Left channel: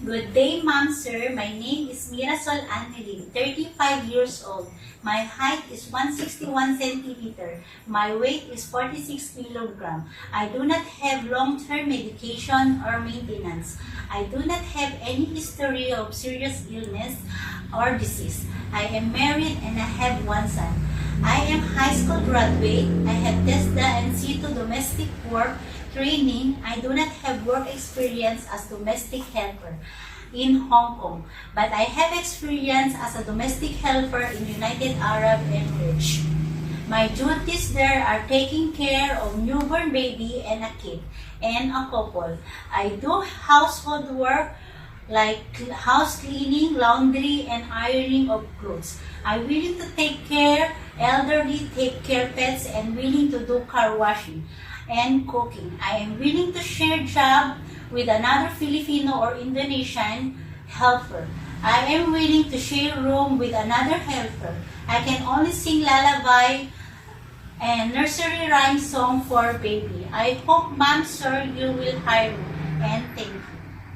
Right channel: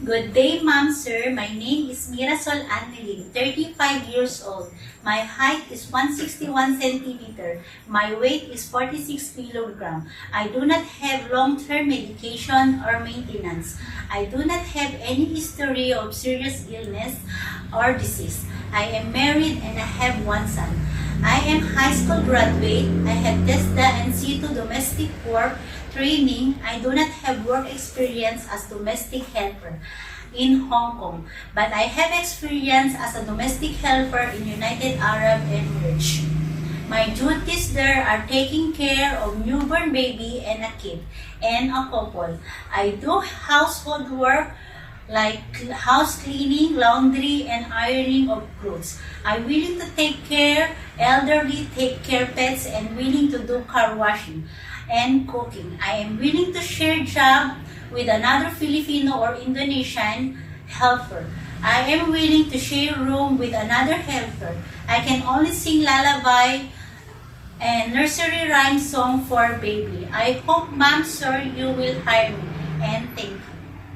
Good day, ma'am, sir. My name is Mirasol Annelin, 35 years old. My height is 161 centimeter. My weight is 46 kilogram. I do not have long-term medication or maintenance. I do not have any history of serious illness or disease. I am married and I have one son. I am high school graduate. I have TESDA and C2 domestic work training. I do not have work experience as domestic helper in Hong Kong, but I have experience as a domestic helper in United Arab Emirates. My duties there are taking care of newborn baby and a kid and a couple. I do household work like house cleaning, laundry, and ironing of clothes. I'm willing to take care elderly, take care pets, and willing to do car washing and cooking. I am willing to share job with another Filipino or Indonesian helper. I am willing to share room with another helper. I can only sing lullaby and nursery rhyme song for baby. I hope, ma'am, sir, you will hire me. And thank you.